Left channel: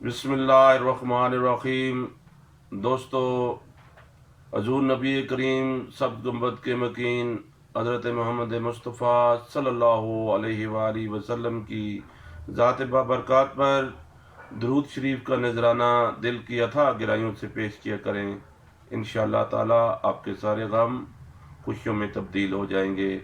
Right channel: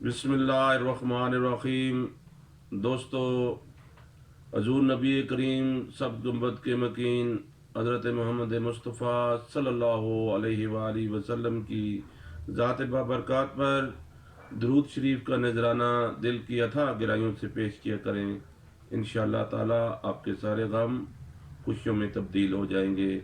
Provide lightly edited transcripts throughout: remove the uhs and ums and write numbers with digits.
बिस्मिल्लाहिर्रहमानिर्रहीम। दोस्तों, हजूर नबी करीम सब गुंबद के मकीन हज़रत मोहम्मद मुस्तफ़ा सल्लल्लाहु अलैहि वालैहि वसल्लम की ज़ात बाबरकत पर दरूद शरीफ का नजराना दिल की अथाह गहराइयों से पेश किया करें। इंशाअल्लाह ताला आपके सारे गम खुशियों में तब्दील हो जाएंगे।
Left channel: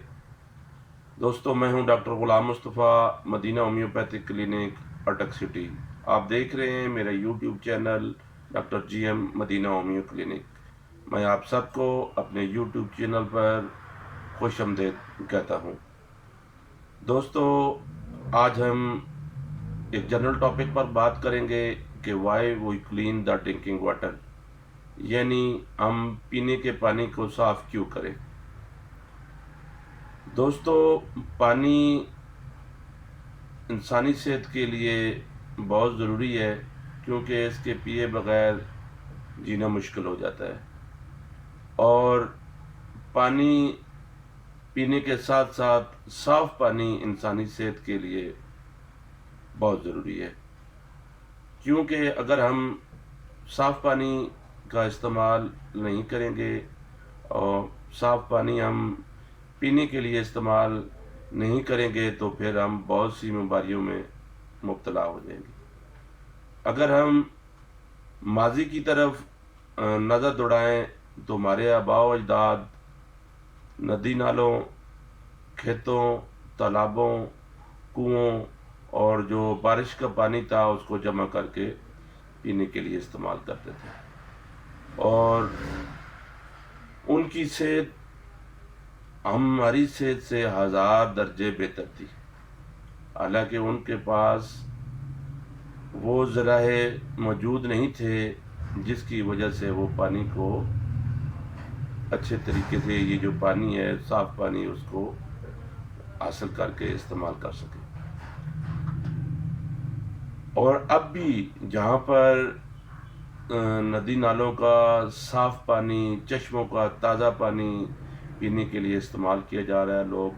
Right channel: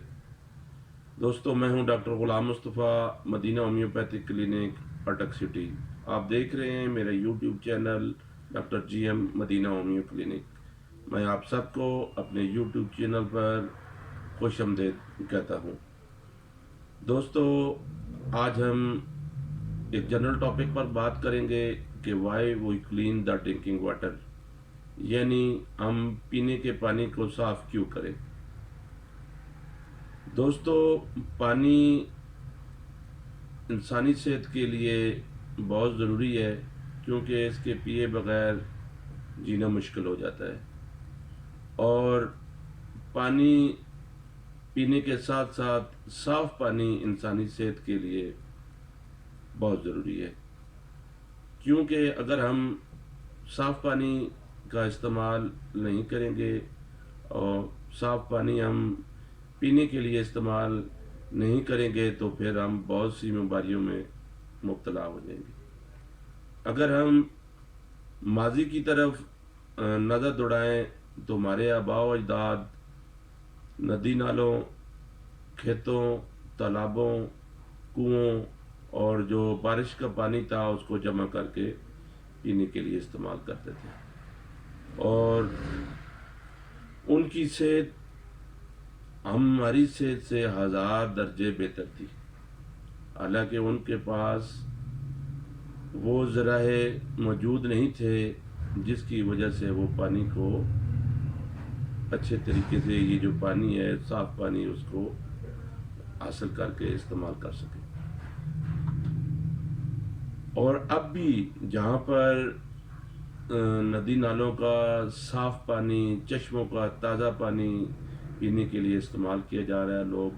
दोस्तों, मैं हूं doctor Ghulam Mustafa, Madina homeopathic clinic, Attock city. आप देख रहे हैं मेरा YouTube channel doctor GM Madina homeo clinic. मैं आप सबको अपने यूट्यूब चैनल पर खुश आमदीद कहता हूं। दोस्तों, आज हम एक जनरल टॉपिक पर बात करेंगे कि why we clean the drinking water, यानी हम पीने के पानी को साफ़ क्यों करें। दोस्तों, पानी इंसानी सेहत के लिए बहुत ज़रूरी है, क्योंकि इसके पिए बगैर जीना मुश्किल हो जाता है। और पानी पीने के साथ साथ साफ़ पानी इंसानी सेहत के लिए बहुत ज़रूरी है, क्योंकि अगर हम साफ़ पानी का इस्तेमाल नहीं करेंगे और साफ़ पानी हम पीने के लिए इस्तेमाल नहीं करेंगे तो फिर हम बहुत सी बीमारियों में मुब्तला हो जाएंगे। अगर हम माजी की तरफ नज़र दौड़ाएं तो हमारे आबा व अजदाद नदी नालों, खेतों, तालाबों, कुओं और जो बारिश का पानी था उसको जमा करके पीने के लिए इस्तेमाल करते थे, और उनकी सेहत हमारी सेहत से 1000 दर्जे बेहतर थी। हालांकि उनके पास वो ज़राए मौजूद नहीं थे जिसकी वजह से वो पानी को अच्छे तरीके से, ये जो पानी है साफ़ पानी, उसको हासिल करके इस्तेमाल कर सके। और अब भी जहाँ पर नदी नालों का साफ़ पानी, चश्मों का ताज़ा पानी पीने के लिए इस्तेमाल किया जा रहा है, लोग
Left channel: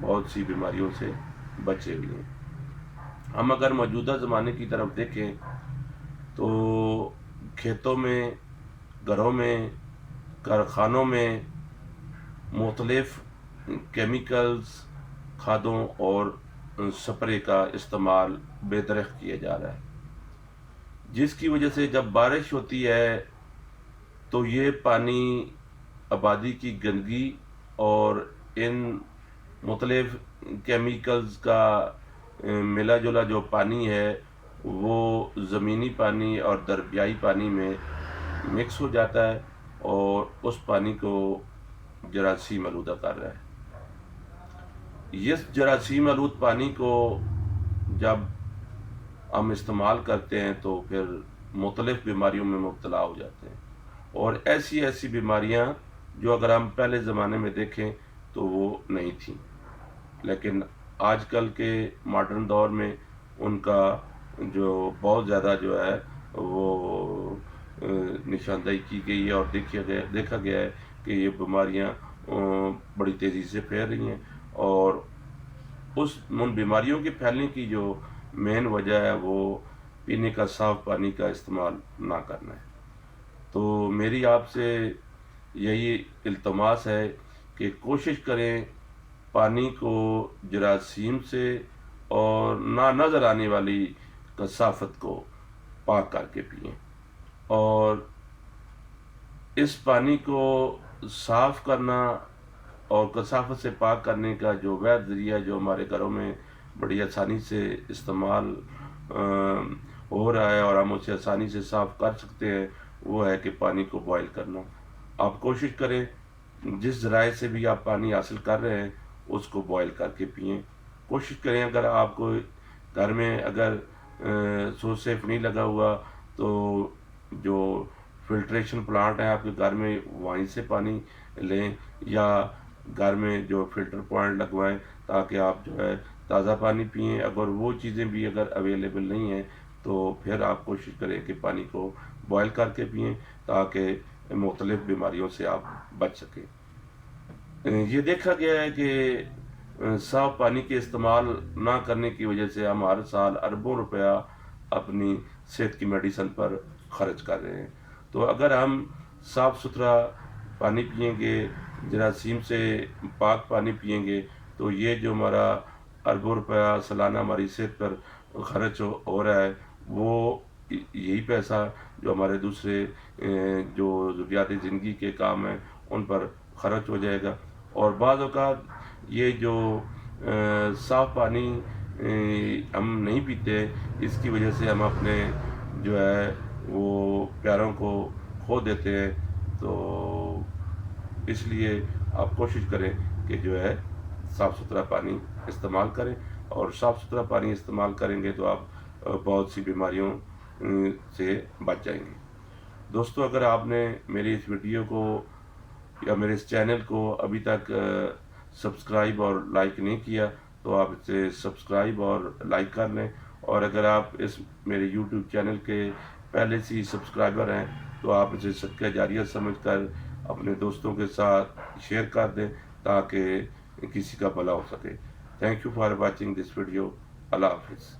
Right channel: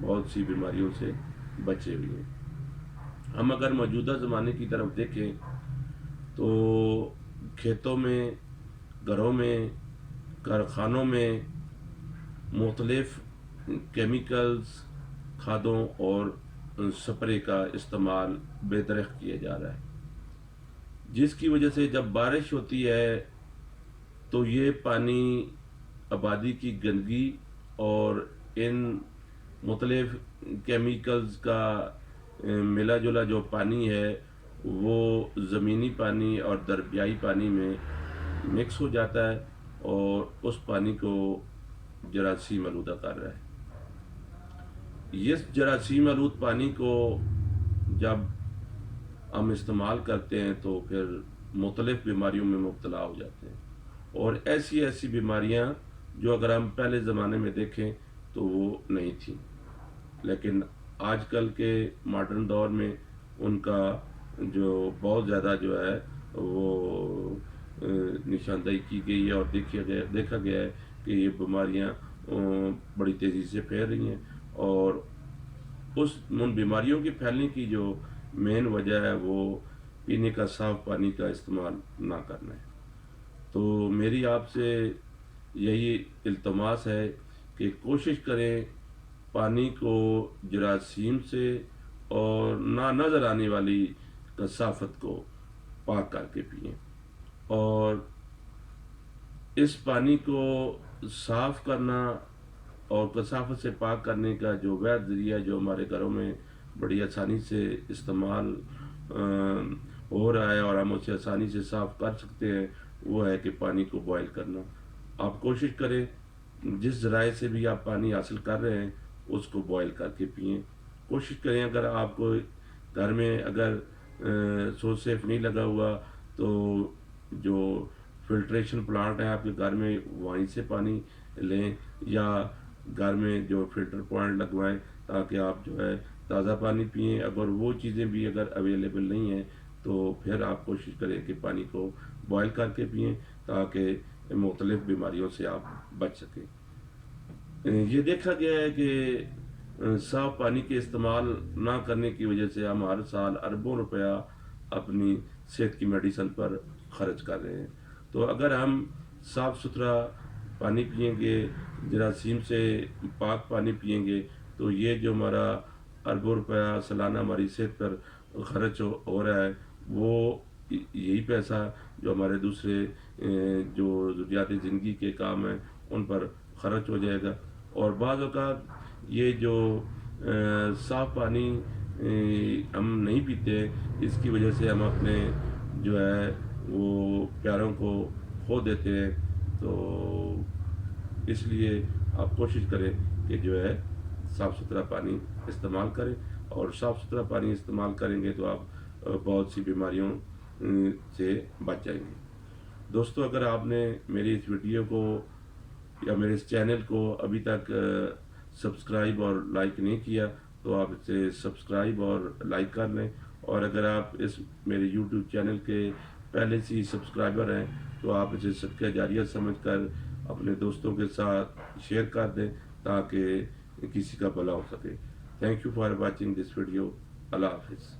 बहुत सी बीमारियों से बचे हुए हैं। हम अगर मौजूदा ज़माने की तरफ देखें तो खेतों में, घरों में, कारखानों में मुख्तलिफ केमिकल्स, खादों और स्प्रे का इस्तेमाल बेदरख्त किया जा रहा है, जिसकी वजह से जब बारिश होती है तो ये पानी आबादी की गंदगी और इन मुख्तलिफ केमिकल्स का मिला जुला जो पानी है वो ज़मीनी पानी और दरियाई पानी में मिक्स हो जाता है और उस पानी को जरासीम आलूदा कर रहा है। इस जरासीम आलूद पानी को जब हम इस्तेमाल करते हैं तो फिर मुख्तलिफ बीमारियों में मुब्तला हो जाते हैं, और ऐसी ऐसी बीमारियां जो अगर हम पहले ज़माने में देखें तो वो नहीं थी, लेकिन आजकल के मॉडर्न दौर में उनका जो बहुत ज़्यादा जो है वो निशानदेही की गई है, और देखा गया है कि ये बीमारियां बड़ी तेज़ी से फैल रही हैं, और उन बीमारियों के फैलने की जो मेन वजह है वो पीने का साफ़ पानी का इस्तेमाल ना करना है। तो मेरी आपसे यही इल्तमास है कि कोशिश करें पानी को जरासीम से और ना नज़र आने वाली कसाफत को पाक करके पिएं, और इस पानी को साफ़ करना और कसाफत से पाक करने का जो वैध ज़रिया जो हमारे घरों में बड़ी आसानी से इस्तेमाल हो रहा है और हम उसे आसानी से साफ़ कर सकते हैं, वो है कि पानी को बॉयल करना। आप कोशिश करें जिस ज़राए से भी आप पानी हासिल कर रहे हैं उसको बॉयल करके पिएं। कोशिश करें, अगर आपको घर में अगर सोर्स सेफ नहीं लगा हुआ तो जो फिल्ट्रेशन प्लांट है आपके घर में वहीं से पानी लें, या घर में जो फ़िल्टर पॉइंट लगवाएं ताकि आप जो है ताज़ा पानी पिएं। अगर वो चीज़ें भी अगर अवेलेबल नहीं हैं तो फिर आप कोशिश करें कि पानी को बॉयल करके पिएं ताकि मुख्तलिफ़ बीमारियों से आप बच सकें। ये देखा गया है कि साफ़ पानी के इस्तेमाल ना करने की वजह से हम हर साल अरबों रुपया अपनी صحت کی میڈیسن پر خرچ کر رہے ہیں۔ تو اگر ہم صاف ستھرا پانی پئیں گے، جراثیم سے پاک پانی پئیں گے، تو یہ جو ہمارا اربوں روپیہ سالانہ ہماری صحت پر خرچ ہو رہا ہے، وہ یہی پیسہ جو ہمارے دوسرے جو ضروریات زندگی کے کام ہیں ان پر خرچ ہو جائے گا۔ اور بعض اوقات یہ جو صاف پانی ہم نہیں پیتے، اس کی وجہ سے ہم اپنے جو ہے وہ پیاروں کو کھو دیتے ہیں۔ تو اس لیے آپ کوشش کریں کہ جو ہے صاف ستھرا پانی استعمال کریں، اور صاف ستھرا پانی استعمال کریں گے تو آپ بہت سی بیماریوں سے بچ جائیں گے۔ دوستو، اگر آپ نے میری اس ویڈیو کو یا میرے اس چینل کو ابھی تک سبسکرائب اور لائک نہیں کیا تو آپ اسے سبسکرائب اور لائک کر لیں، اور اگر آپ اس میرے یوٹیوب چینل کے پہلے سے ہی سبسکرائبر ہیں تو آپ اسے صدقہ جاریہ سمجھ کر اپنے دوستوں کے ساتھ شیئر کر دیں تاکہ کسی کا بھلا ہو سکے۔ Thank you for watching this video. اللہ حافظ۔